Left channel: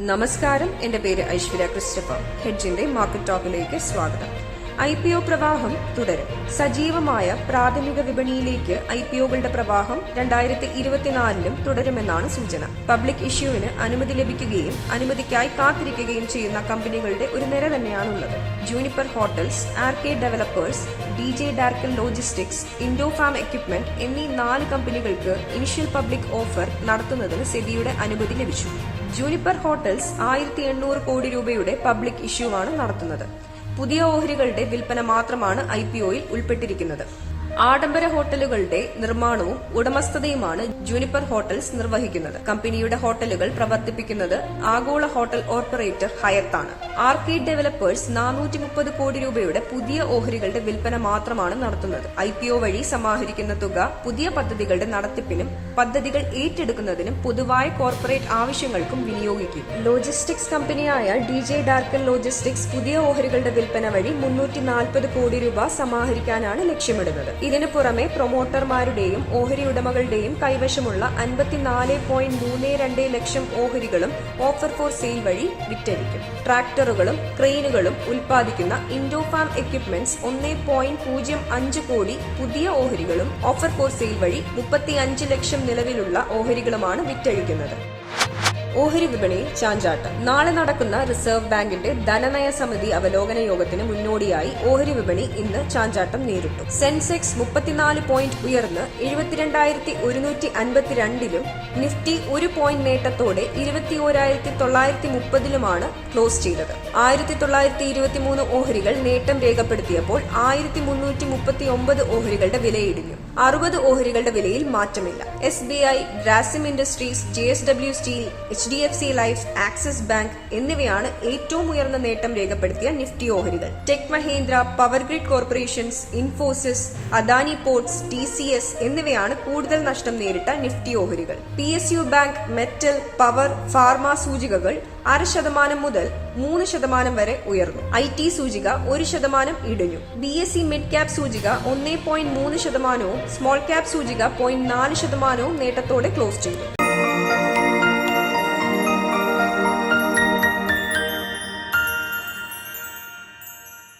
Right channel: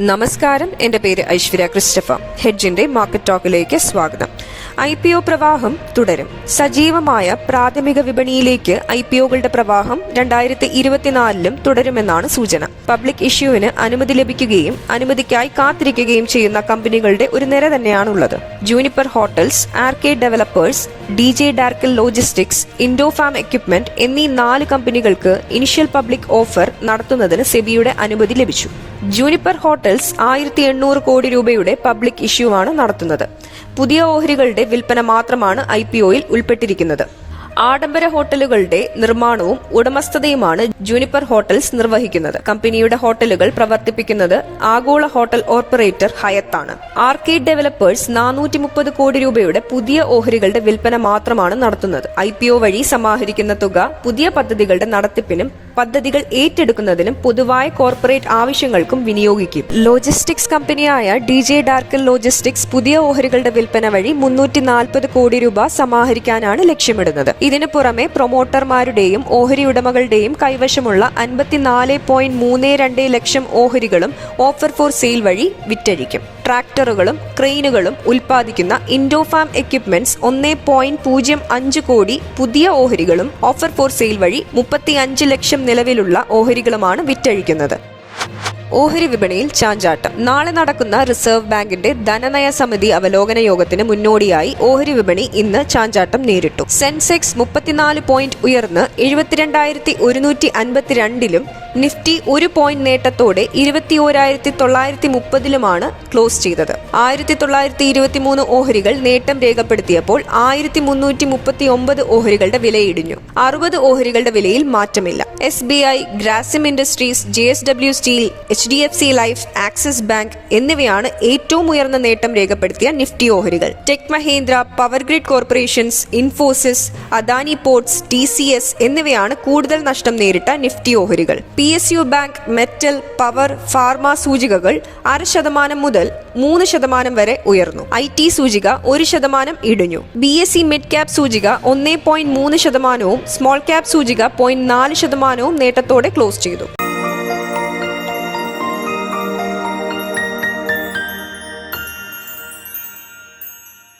നമസ്കാരം. എന്റെ പേര് ഐശ്വര്യ ക്രിസ്റ്റഫ. ഹെഡ്ജിന്റെ മാർക്കറ്റ് ടോക്കിലേക്ക് സ്വാഗതം. ഐ പി ഒ പ്രവാഹം തുടരും. സജീവമായ പ്രാഥമിക വിപണിയിലേക്ക് ഐ പി ഒകളുടെ പ്രവാഹം രണ്ടായിരത്തി ഇരുപത്തിനാലിലും തുടരുമെന്നാണ് സൂചന. പബ്ലിക് ഇഷ്യൂവിന് അനുമതി ലഭിക്കുകയും അനുമതിക്കായി കാത്തിരിക്കുകയും ചെയ്യുന്ന കമ്പനികളുടെ ഒരു നിര തന്നെയാണുള്ളത്. Juniper hotels Arcade developers D J Darcl logistics Indo Farm equipment എന്നീ നാല് കമ്പനികൾക്ക് ഇനിഷ്യൽ പബ്ലിക് ഓഫർ നടത്തുന്നതിന് സെബിയുടെ അനുമതി ലഭിച്ചു. ജൂനിപ്പർ ഹോട്ടൽസ് ആയിരത്തി എണ്ണൂറ് കോടി രൂപയുടെ പബ്ലിക് ഇഷ്യൂ ആണ് നടത്തുന്നത്. പുതിയ ഓഹരികളുടെ വിൽപ്പന മാത്രമാണ് ഐ പി ഒയിൽ ഉൾപ്പെട്ടിരിക്കുന്നത് ആഡംബര ഹോട്ടലുകളുടെ നിർമ്മാണവും ഉടമസ്ഥതയുമാണ് ജൂനിപ്പർ ഹോട്ടൽസ് നിർവഹിക്കുന്നത്. കമ്പനിയുടെ ഹോട്ടലുകൾ പ്രവർത്തിപ്പിക്കുന്നത് ആഗോള ഹോട്ടൽ ഓപ്പറേറ്റർ ഹയത്താണ്. ആർക്കേഡ് ഡെവലപ്പേഴ്സ് നാനൂറ്റി മുപ്പത് കോടി രൂപയുടെ പുതിയ ഓഹരികളുടെ വിൽപ്പന മാത്രമാണ് നടത്തുന്നത്. ഐ പി ഒ വഴി സമാഹരിക്കുന്ന തുക പുതിയ പദ്ധതികളുടെ നടത്തിപ്പിനും പദ്ധതികൾ ഏറ്റെടുക്കുന്നതിനും പൊതുവായ കോർപ്പറേറ്റ് ആവശ്യങ്ങൾക്കും വിനിയോഗിക്കും. ലോജിസ്റ്റിക്സ് കമ്പനിയായ ഡി ജെ ഡാർക്കൽ ലോജിസ്റ്റിക്സ് പുതിയ ഓഹരികളുടെ വിൽപ്പന വഴി മുന്നൂറ്റി കോടി രൂപ സമാഹരിക്കാനാണ് ലക്ഷ്യമിടുന്നത്. ഇതിനു പുറമെ പ്രൊമോട്ടർമാരുടെയും ഓഹരി ഉടമകളുടെയും കൈവശമുള്ള അൻപത്തിനാല് പോയിന്റ് മൂന്ന് രണ്ട് ലക്ഷം ഓഹരികളും ഓഫർ ഫോർ സെയിൽ വഴി വിറ്റഴിക്കും. ട്രാക്ടറുകളും ക്രെയിനുകളും ഉൽപ്പാദിക്കുന്ന ഇൻഡോഫാം എക്യുപ്മെന്റ്സ് ഒന്ന് പോയിന്റ് പൂജ്യം അഞ്ച് കോടി പുതിയ ഓഹരികളും ഓഫർ ഫോർ സെയിൽ വഴി മുപ്പത്തി അഞ്ച് ലക്ഷം നിലവിലുള്ള ഓഹരികളുമാണ് വിറ്റഴിക്കുന്നത്. ഓഹരി വിപണിയിൽ ചാഞ്ചാട്ടം. നാളെ നടക്കുന്ന റിസർവ് ബാങ്കിന്റെ ധനനയ സമിതി അവലോകന യോഗത്തിന് മുന്നോടിയായി ഓഹരി വിപണി ഇന്ന് ചാഞ്ചാട്ടം നേരിട്ടു. സെൻസെക്സ് മുപ്പത്തിനാല് പോയിന്റ് ഉയർന്ന് എഴുപത്തിരണ്ടായിരത്തി ഒരുന്നൂറ്റി അൻപത്തിരണ്ടിലും നിഫ്റ്റി ഒരു പോയിന്റ് നേട്ടത്തോടെ ഇരുപത്തി ഓരായിരത്തി തൊള്ളായിരത്തി മുപ്പതിലുമാണ് ക്ലോസ് ചെയ്തത്. ആയിരത്തി തൊള്ളായിരത്തി ഇരുപത്തി മൂന്ന് ഓഹരികൾ നേട്ടം രേഖപ്പെടുത്തിയപ്പോൾ ആയിരത്തി മുന്നൂറ്റി മുപ്പത്തി ഒമ്പത് ഓഹരികളുടെ വിലയിടിഞ്ഞു. അറുപത് ഓഹരികളുടെ വിലയിൽ മാറ്റമില്ല. S B I Grasim industries J S W steel H D F C life Axis bank എന്നിവയാണ് ഏറ്റവും ഉയർന്ന നേട്ടം രേഖപ്പെടുത്തിയ നിഫ്റ്റി ഓഹരികൾ. Tech Mahindra power grid corporations Infosys Adani ports T C S എന്നിവയാണ് കൂടുതൽ നഷ്ടം നേരിട്ട നിഫ്റ്റി ഓഹരികൾ. P S U bank metal power pharma സൂചികകൾ അര ശതമാനം മുതൽ മൂന്ന് ശതമാനം വരെ ഉയർന്നു. ഐ ടി സൂചിക ഒരു ശതമാനം ഇടിഞ്ഞു. B S C mid cap സൂചിക ഒന്നേ പോയിന്റ് മൂന്ന് ശതമാനവും സ്മോൾ ക്യാപ് സൂചിക പോയിന്റ് നാല് ശതമാനവും നേട്ടത്തോടെ ക്ലോസ് ചെയ്തു.